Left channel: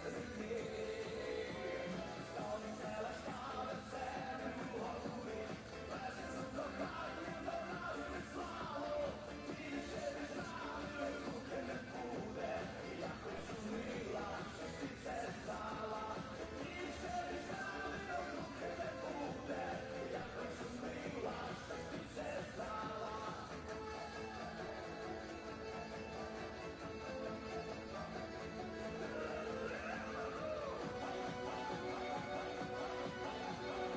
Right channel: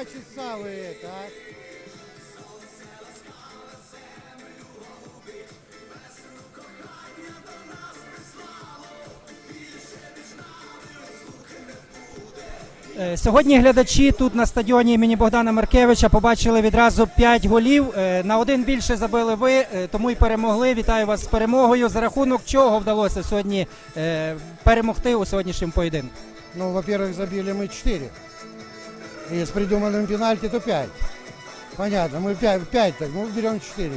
два часа вы это, а? Е, Сьогодні глядачі тут на стадіоні імені Богдана Маркевича побачили відразу 5 голів. Е, На один більше забили ви, е, тому й перемогли. Вітаю вас з перемогою. За рахунок чого вдалося сьогодні е, перемогти у сьогоднішньому поєдинку? Ну, во-первых, забили мы 4. И с придуманным пенальти, то 5. Понятно, мы 5, 5 так, мы берем 4.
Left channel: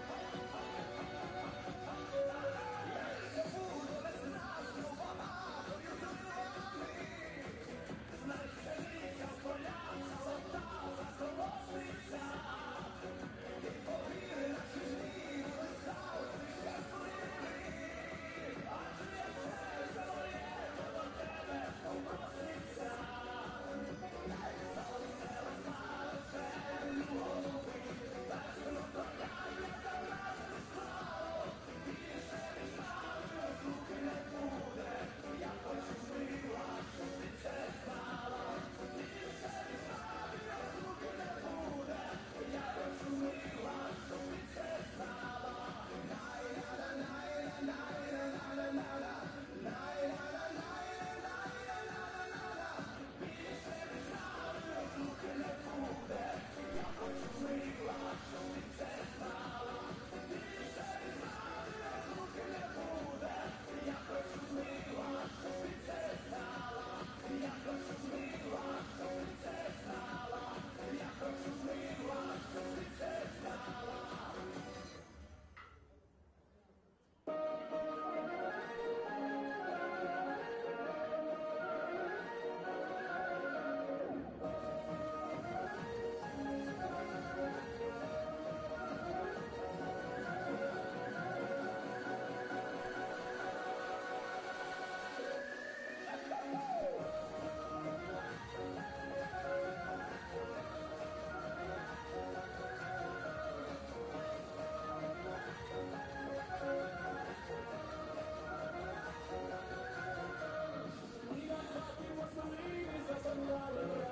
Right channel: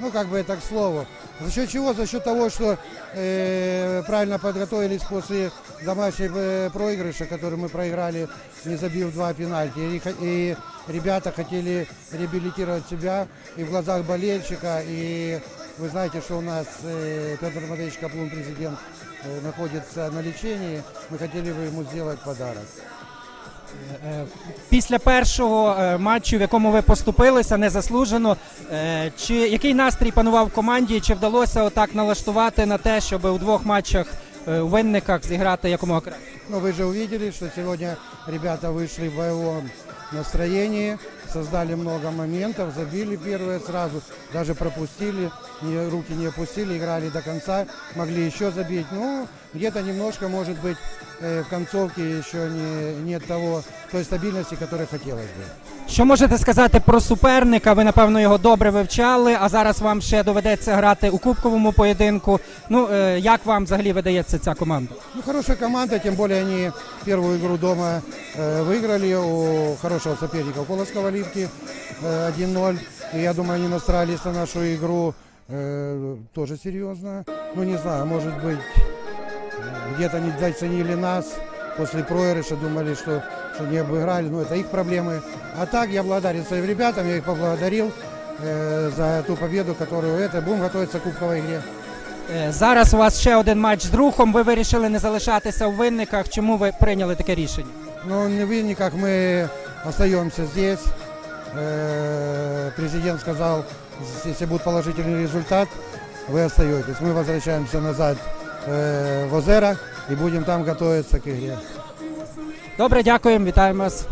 Ну, как бы это к слову. За счет чего? За счет того, что э, правильно подготовились после домашнего э, проигрыша, который мы проиграли, не забив два пенальти. И, и ребята хотели реабилитировать себя и в глазах болельщика. И вы знаете, что у нас э, Петр Матвеевич Каплун, президент, э, находится на лечении. Мы хотели бы ему сделать подарок. Е, Після першого е, матчу, в якому ви поступилися незаслужено, е, чи який настрій панував в команді? Чи вдалося отак налаштувати на те, щоб у двох матчах е, у винниках зіграти якомога краще? Но вы же увидели, что сегодня ребята вышли в боевом настроении, создали много моментов, забили первые сразу, даже пропустили, не- руки не опустили, играли до конца, могли еще забить. Ну, где-то немножко, может быть, э, в концовке еще не, нет того, той стабильности, которой хотелось бы. Що можете сказати про суперника? Ви напевно його добре вивчали, а зараз вам ще доведеться грати у кубковому поєдинку. Ну е, як вам взагалі видається ця команда? Ну, хорошая команда, тем более они первую игру дома э, выиграли у хорошего соперника, у Колоского Ливки э, 1-0. И я думаю, они настроились на нашу игру э, тоже серьезно. Ну, не знаю, может быть, э, где-то не доценили нас после проигрыша, думали, что, что не обыграли. Ну, это их проблемы. А так, я благодарен своим ребятам, я их поблагодарил э, за ту победу, которую это. Будем готовиться к кубковой игре. Е, Зараз у вас ще один матч з рухом. Ви вирішили не залишатися у винниках. Чому ви прийняли таке рішення? Но не вы никак, мы остаемся здесь. Э, Президент сказал, если будет положительный результат, вы остаетесь. Мы возвращаемся назад э, в озерах і будемо там готуватися к ігрі. Добре, дякуємо, вітаємо вас.